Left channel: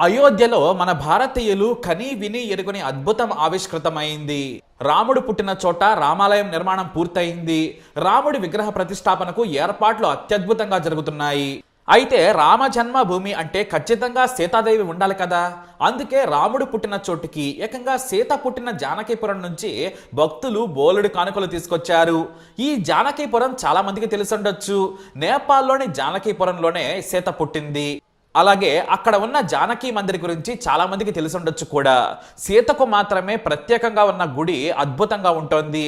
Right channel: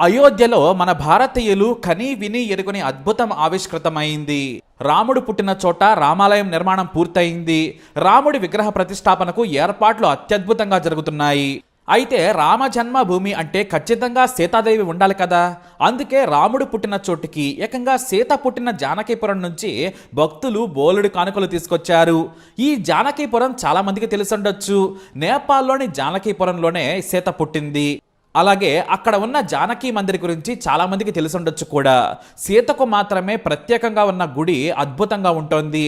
అయోధ్యలో మన భారతీయులు కని విని ఎరుగుని అద్భుతం ఆవిష్కృతమైంది. రాముడు పుట్టిన చోట రామాలయం నిర్మాణం పూర్తయింది. రాముడి విగ్రహ ప్రతిష్టాపనకు ఏర్పాట్లు అత్యద్భుతంగా జరుగుతున్నాయి. అయితే రామ జన్మభూమి అంటే ఖచ్చితంగా సీతాదేవి ఉండాలి కదా. అందుకే రాముడు పుట్టిన చోటుకి ఏకంగా సీత పుట్టిన జానకీపురం నుంచి భక్తులు బోలెడు కానుకలు తీసుకొచ్చారు. ఈ జానకీపురం చాలామందికి తెలిసి తెలిసుండొచ్చు నేపాల్లోని జానకీపురంలోనే సీత పుట్టింది. అలాగే అక్కడ ఉన్న జానకి మందిర్ గురించి చాలామందికి తెలిసి ఉండొచ్చు కూడా. సీతకు మాత్రమే ప్రత్యేకంగా ఉన్న గుడి అద్భుతంగా ఉంటుంది.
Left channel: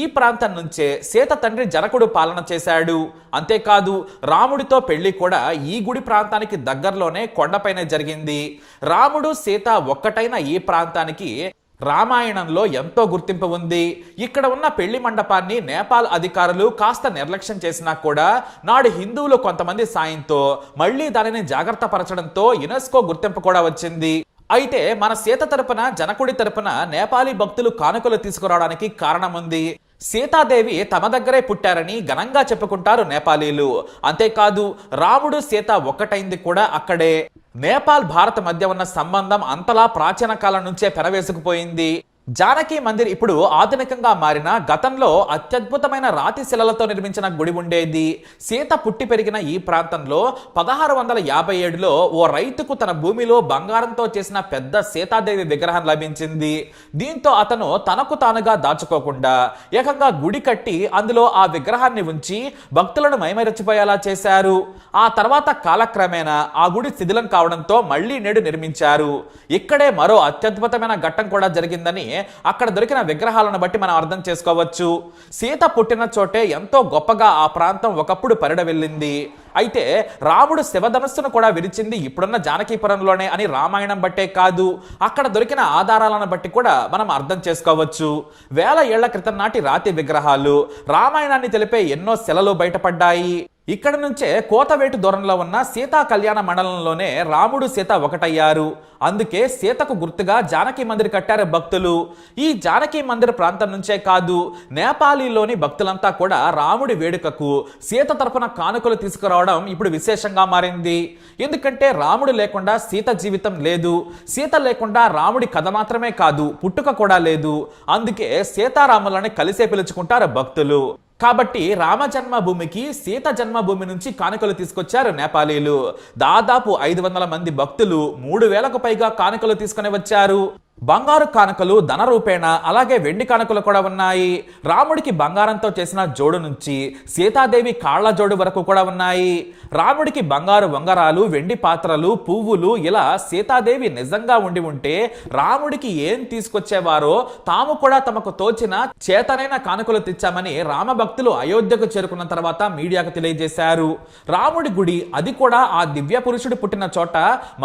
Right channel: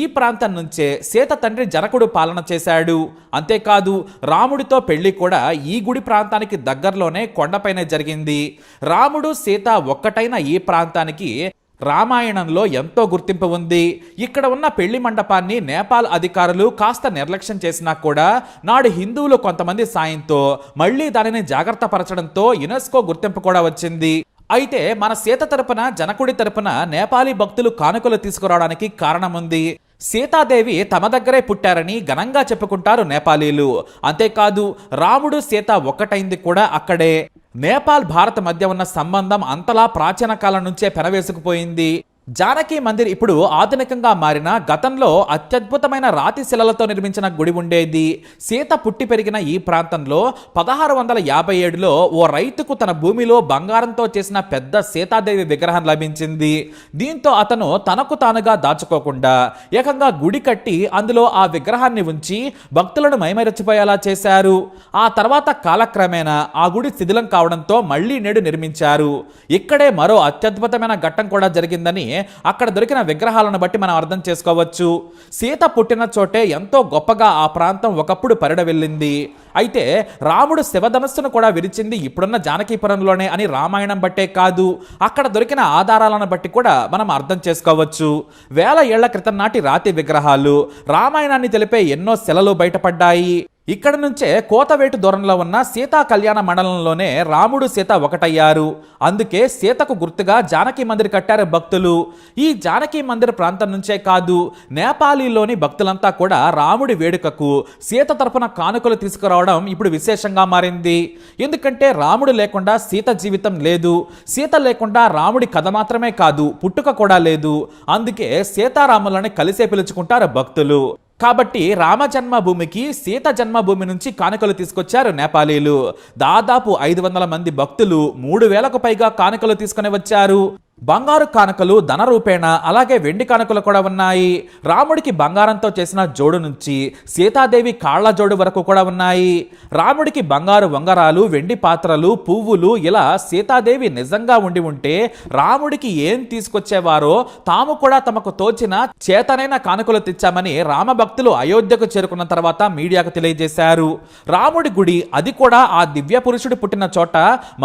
ఈ ప్రాంతం నుంచే సీత తండ్రి జనకుడు పాలన చేశాడు. అంతేకాదు రాముడితో పెళ్ళి కూడా ఈ గుడి ప్రాంతానికి దగ్గరలోనే కొండపైనే జరిగింది. రాముడు సీత ఒక్కటైన ఈ ప్రాంతానికి రామాయణంలో ఎంతో గుర్తింపు ఉంది. ఇక్కడ ఉన్న పెళ్ళి మండపాన్ని నేపాల్ అధికారులు కాస్త నిర్లక్ష్యం చేసినా కూడా నాడు హిందువులు కొంతమంది సాయంతో మళ్ళీ దానిని జాగ్రత్త పరచడంతో యునెస్కో గుర్తింపు కూడా వచ్చింది. అయితే మన సీత తరపున జనకుడి తరపున నేపాలీ భక్తులు కానుకలు తీసుకురావడానికి కారణముంది. సీతాదేవి తమ దగ్గరే పుట్టారని ఘనంగా చెప్పుకుంటారు నేపాలీలు. అంతేకాదు రాముడు సీత ఒక్కటైంది కూడా అక్కడే. నేపాల్ భారత్ మధ్య ఉన్న సంబంధం అంతలా ప్రాచీన కాలం నుంచే పెనవేసుకుపోయింది. జానకి మందిర్ ఇప్పుడు ఆధునికంగా మారిన గతంలో అత్యద్భుతమైన రాతి శిలలతో నిర్మించిన గుడి ఉండేది. సీత పుట్టి పెరిగిన ఈ ప్రాంతంలో పదహారు వందల యాభై ఏడులో ఓ రైతుకు తన భూమిలో బంగారంతో చేసిన పెద్ద సీతాదేవి విగ్రహం లభించింది. దీంతో అతను తనకు తానుగా దాచుకోకుండా ఏకంగా గుడి కట్టి అందులో ఆ విగ్రహాన్ని ఉంచి భక్తులను మైమరచిపోయేలా చేశారు. ఆ తర్వాత కాలక్రమేణా ఆ గుడి శిథిలం కావడంతో మళ్ళీ నేడు నిర్మించారు. ఇక్కడే మరో అత్యద్భుతమైన ఘట్టం కూడా జరిగిందని అక్కడ దొరికిన విగ్రహాలను బట్టి మనం అర్థం చేసుకోవచ్చు. సీత పుట్టిన చోటే ఎంతో గొప్పగా ఆ ప్రాంతం ఒకప్పుడు పరిడ వెళ్ళింది. అయితే రాముడు శివధనస్సును కూడా విరిచింది ఇప్పుడున్న జానకీపురంలోనే అని రామాయణం బట్టే కాదు. అక్కడ దొరికిన ఆధారాలను బట్టి కూడా మనం అర్థం చేసుకోవచ్చు. వేల ఏళ్ళ క్రితం నాటి రాతి విగ్రహాలు రామాయణాన్ని తెలిపే ఎన్నో శిలలు బయటపడ్డాయి. ఇక్కడ నుంచే కోతవేటు దూరంలో ఉన్న సీతా కళ్యాణ మండలంలోనే రాముడు సీత ఒకటయ్యారు. అందుకే సీతకు గుర్తుగా జానకి మందిర్ కట్టారు భక్తులు. ఈ జానకి మందిర్ ప్రాంతం నుంచే కాదు నేపాలీలోని భక్తులంతా కూడా రాముడి వేడుకకు సీత తరపున కానుకలు తీసుకురావడం ఇప్పుడు విశేషంగా మారింది. ఎందుకంటే రాముడు లేకుండా సీత జీవితం లేదు. సీత లేకుండా రాముడి కథ మాత్రమే కాదు పుట్టుక కూడా లేదు. అందుకే సీతారాములని కలిసే పిలుచుకుంటారు భక్తులు. కాబట్టి రామ జన్మభూమికి సీత జన్మభూమి నుంచి కానుకలు తీసుకొచ్చారు నేపాలీలు. దాదాపు ఐదు వందల మంది భక్తులు మూడు వేలకు పైగా కానుకలు తీసుకుని వచ్చారు. బంగారు కానుకలు ధన రూపేణ అలాగే వెండి కానుకలు కూడా ఉన్నాయి. రాముడికి బంగారంతో చేసిన జోడు నుంచి సీతాదేవి కాళ్ళ జోడు వరకు కూడా ఉన్నాయి. రాముడికి బంగారు వంగరాలు వెండి పాత్రలు పువ్వులు ఇలా సీతాదేవి నిజంగా ఉండి ఉంటే రాముడికి ఏం తీసుకొచ్చేవారో తాము కూడా తమకు తోచిన చేతనైన కానుకలు తెచ్చామని రామభక్తులు అయోధ్యకు చేరుకున్న తర్వాత మీడియాకు తెలియజేశారు. రాముడి గుడి అది కూడా ఆ దివ్య పురుషుడు పుట్టిన చోట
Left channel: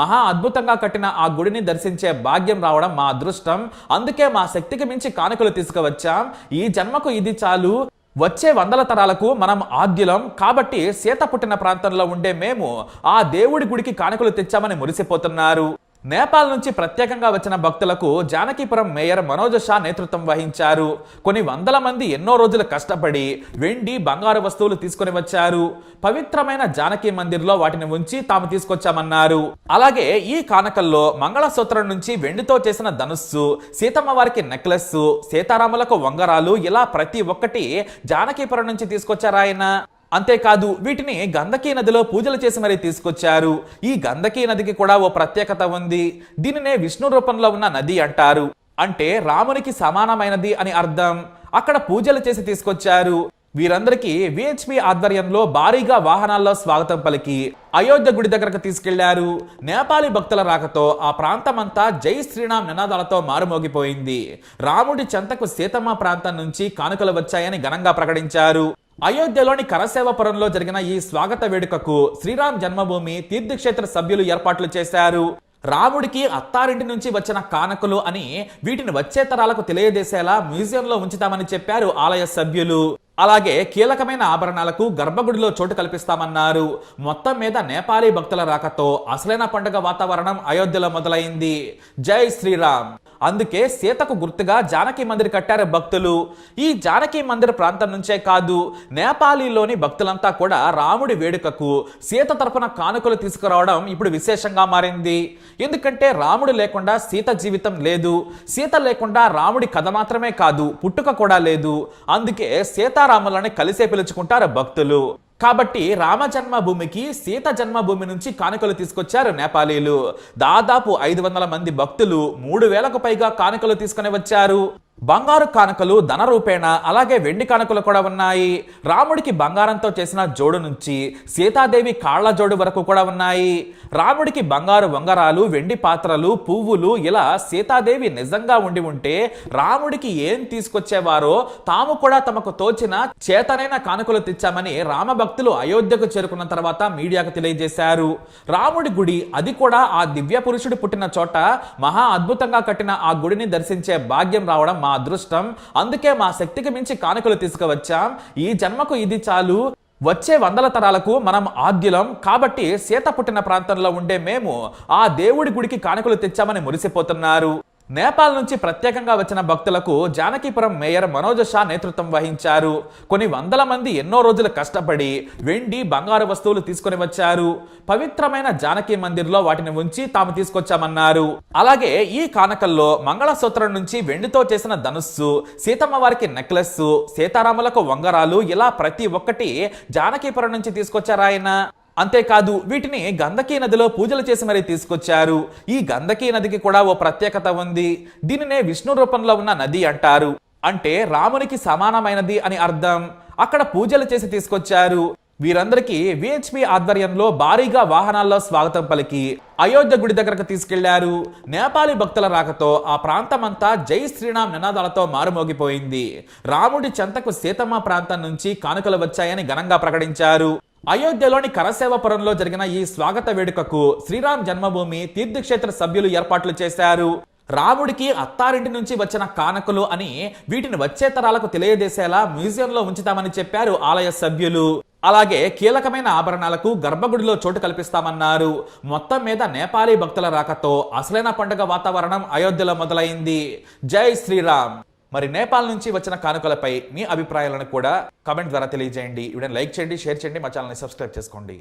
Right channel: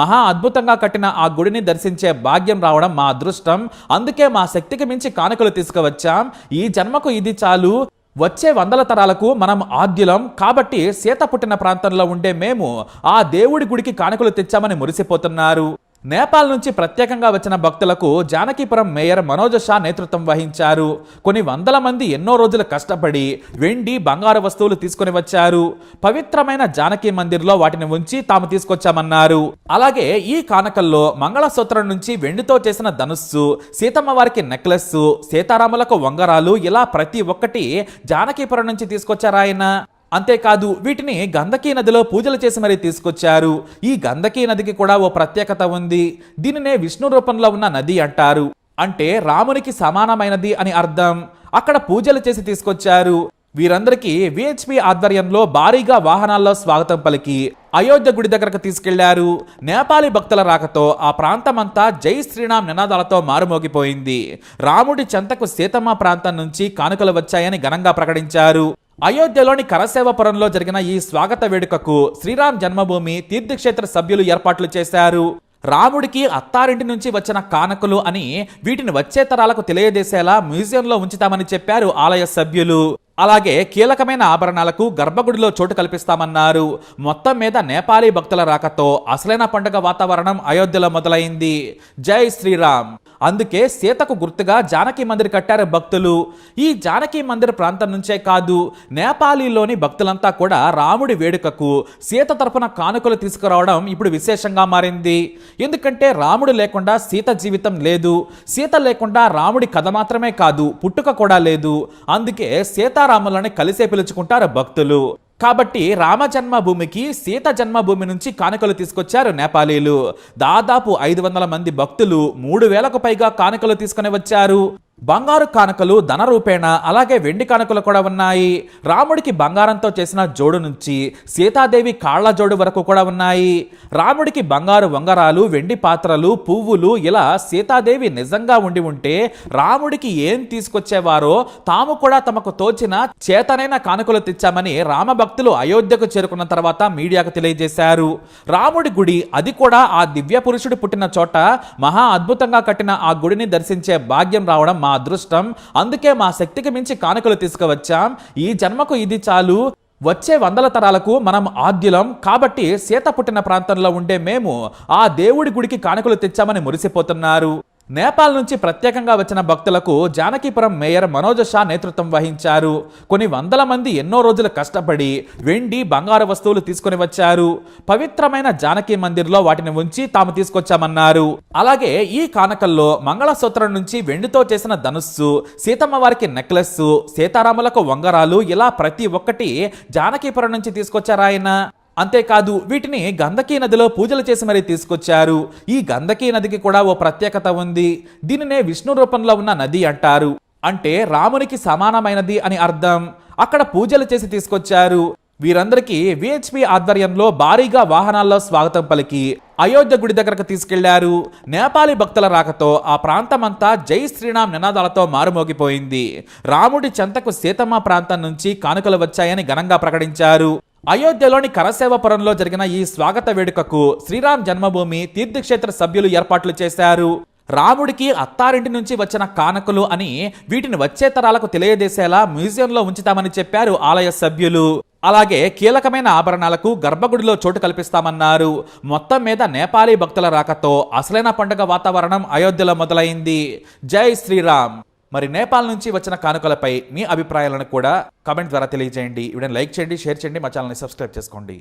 మహా అద్భుతంగా కట్టిన ఆ గుడిని దర్శించే భాగ్యం రావడం మా అదృష్టం. అందుకే మా శక్తికి మించి కానుకలు తీసుకువచ్చాం. ఈ జన్మకు ఇది చాలు. వచ్చే వందల తరాలకు మనం ఆద్యులం. కాబట్టి సీత పుట్టిన ప్రాంతంలో ఉండే మేము ఆ దేవుడి గుడికి కానుకలు తెచ్చామని మురిసిపోతున్నారు. నేపాల్ నుంచి ప్రత్యేకంగా వచ్చిన భక్తులకు జానకీపురం మేయర్ మనోజ్ షా నేతృత్వం వహించారు. కొన్ని వందల మంది ఎన్నో రోజులు కష్టపడి వెండి బంగారు వస్తువులు తీసుకొని వచ్చారు. పవిత్రమైన జానకి మందిర్లో వాటిని ఉంచి తాము తీసుకొచ్చామన్నారు. అలాగే ఈ కానకల్లో మంగళసూత్రం నుంచి వెండితో చేసిన ధనుస్సు సీతమ్మ వారికి నెక్లెస్ సీతారాములకు వంగరాలు ఇలా ప్రతి ఒక్కటి జానకీపురం నుంచి తీసుకొచ్చారాయన. అంతేకాదు వీటిని గంధకీ నదిలో పూజలు చేసి మరీ తీసుకొచ్చారు. ఈ గంధకీ నదికి కూడా ఓ ప్రత్యేకత ఉంది. దీనినే విష్ణు రూపంలో ఉన్న నది అంటారు. అంటే రామునికి సమానమైనది అని అర్థం. అక్కడ పూజలు చేసి తీసుకొచ్చారు. వీరందరికీ విహెచ్పి ఆధ్వర్యంలో భారీగా వాహనాల్లో స్వాగతం పలికి అయోధ్య గుడి దగ్గరకు తీసుకెళ్ళారు. నేపాలీ భక్తుల రాకతో ఆ ప్రాంతమంతా జై శ్రీరామ్ నినాదాలతో మారుమోగిపోయింది. రాముడి చెంతకు సీతమ్మ ప్రాంతం నుంచి కానుకలు వచ్చాయని ఘనంగా ప్రకటించారు. అయోధ్యలోని కరసేవపురంలో జరిగిన ఈ స్వాగత వేడుకకు శ్రీరామ్ జన్మభూమి తీర్థక్షేత్ర సభ్యులు ఏర్పాట్లు చేశారు. రాముడికి అత్తారింటి నుంచి వచ్చిన కానుకలు అని వీటిని వచ్చే తరాలకు తెలియజేసేలా మ్యూజియంలో ఉంచుతామని చెప్పారు ఆలయ సభ్యులు. అలాగే కీలకమైన ఆభరణాలకు గర్భగుడిలో చోటు కల్పిస్తామన్నారు. మొత్తం మీద నేపాలీ భక్తుల రాకతో అసలైన పండుగ వాతావరణం అయోధ్యలో మొదలైంది. జై శ్రీరామ్! అందుకే సీతకు గుర్తుగా జానకి మందిర్ కట్టారు భక్తులు. ఈ జానకి మందిర్ ప్రాంతం నుంచే కాదు నేపాలీలోని భక్తులంతా కూడా రాముడి వేడుకకు సీత తరపున కానుకలు తీసుకురావడం ఇప్పుడు విశేషంగా మారింది. ఎందుకంటే రాముడు లేకుండా సీత జీవితం లేదు సీత లేకుండా రాముడి కథ మాత్రమే కాదు పుట్టుక కూడా లేదు. అందుకే సీతారాములని కలిసే పిలుచుకుంటారు భక్తులు. కాబట్టి రామ జన్మభూమికి సీత జన్మభూమి నుంచి కానుకలు తీసుకొచ్చారు నేపాలీలు. దాదాపు ఐదు వందల మంది భక్తులు మూడు వేలకు పైగా కానుకలు తీసుకుని వచ్చారు. బంగారు కానుకలు ధన రూపేణ అలాగే వెండి కానుకలు కూడా ఉన్నాయి. రాముడికి బంగారంతో చేసిన జోడు నుంచి సీతాదేవి కాళ్ళ జోడు వరకు కూడా ఉన్నాయి. రాముడికి బంగారు వంగరాలు వెండి పాత్రలు పువ్వులు ఇలా సీతాదేవి నిజంగా ఉండి ఉంటే రాముడికి ఏం తీసుకొచ్చేవారో తాము కూడా తమకు తోచిన చేతనైన కానుకలు తెచ్చామని రామభక్తులు అయోధ్యకు చేరుకున్న తర్వాత మీడియాకు తెలియజేశారు. రాముడి గుడి అది కూడా ఆ దివ్య పురుషుడు పుట్టిన చోట మహా అద్భుతంగా కట్టిన ఆ గుడిని దర్శించే భాగ్యం రావడం మా అదృష్టం. అందుకే మా శక్తికి మించి కానుకలు తీసుకువచ్చాం. ఈ జన్మకు ఇది చాలు. వచ్చే వందల తరాలకు మనం ఆద్యులం. కాబట్టి సీత పుట్టిన ప్రాంతంలో ఉండే మేము ఆ దేవుడి గుడికి కానుకలు తెచ్చామని మురిసిపోతున్నారు. నేపాల్ నుంచి ప్రత్యేకంగా వచ్చిన భక్తులకు జానకీపురం మేయర్ మనోజ్ షా నేతృత్వం వహించారు. కొన్ని వందల మంది ఎన్నో రోజులు కష్టపడి వెండి బంగారు వస్తువులు తీసుకొని వచ్చారు. పవిత్రమైన జానకి మందిర్లో వాటిని ఉంచి తాము తీసుకొచ్చామన్నారు. అలాగే ఈ కానకల్లో మంగళసూత్రం నుంచి వెండితో చేసిన ధనుస్సు సీతమ్మ వారికి నెక్లెస్ సీతారాములకు వంగరాలు ఇలా ప్రతి ఒక్కటి జానకీపురం నుంచి తీసుకొచ్చారాయన. అంతేకాదు వీటిని గంధకీ నదిలో పూజలు చేసి మరీ తీసుకొచ్చారు. ఈ గంధకీ నదికి కూడా ఓ ప్రత్యేకత ఉంది. దీనినే విష్ణు రూపంలో ఉన్న నది అంటారు. అంటే రామునికి సమానమైనది అని అర్థం. అక్కడ పూజలు చేసి తీసుకొచ్చారు. వీరందరికీ విహెచ్పి ఆధ్వర్యంలో భారీగా వాహనాల్లో స్వాగతం పలికి అయోధ్య గుడి దగ్గరకు తీసుకెళ్ళారు. నేపాలీ భక్తుల రాకతో ఆ ప్రాంతమంతా జై శ్రీరామ్ నినాదాలతో మారుమోగిపోయింది. రాముడి చెంతకు సీతమ్మ ప్రాంతం నుంచి కానుకలు వచ్చాయని ఘనంగా ప్రకటించారు. అయోధ్యలోని కరసేవపురంలో జరిగిన ఈ స్వాగత వేడుకకు శ్రీరామ్ జన్మభూమి తీర్థక్షేత్ర సభ్యులు ఏర్పాట్లు చేశారు. రాముడికి అత్తారింటి నుంచి వచ్చిన కానుకలు అని వీటిని వచ్చే తరాలకు తెలియజేసేలా మ్యూజియంలో ఉంచుతామని చెప్పారు ఆలయ సభ్యులు. అలాగే కీలకమైన ఆభరణాలకు గర్భగుడిలో చోటు కల్పిస్తామన్నారు. మొత్తం మీద నేపాలీ భక్తుల రాకతో అసలైన పండుగ వాతావరణం అయోధ్యలో మొదలైంది. జై శ్రీరామ్! మరి నేపాల్ నుంచి వచ్చిన కానుకలపై మీ అభిప్రాయాలను కూడా కామెంట్ ద్వారా తెలియజేయండి. వీడియోని లైక్ చేయండి షేర్ చేయండి మా ఛానల్ని సబ్స్క్రైబ్ చేసుకోండి.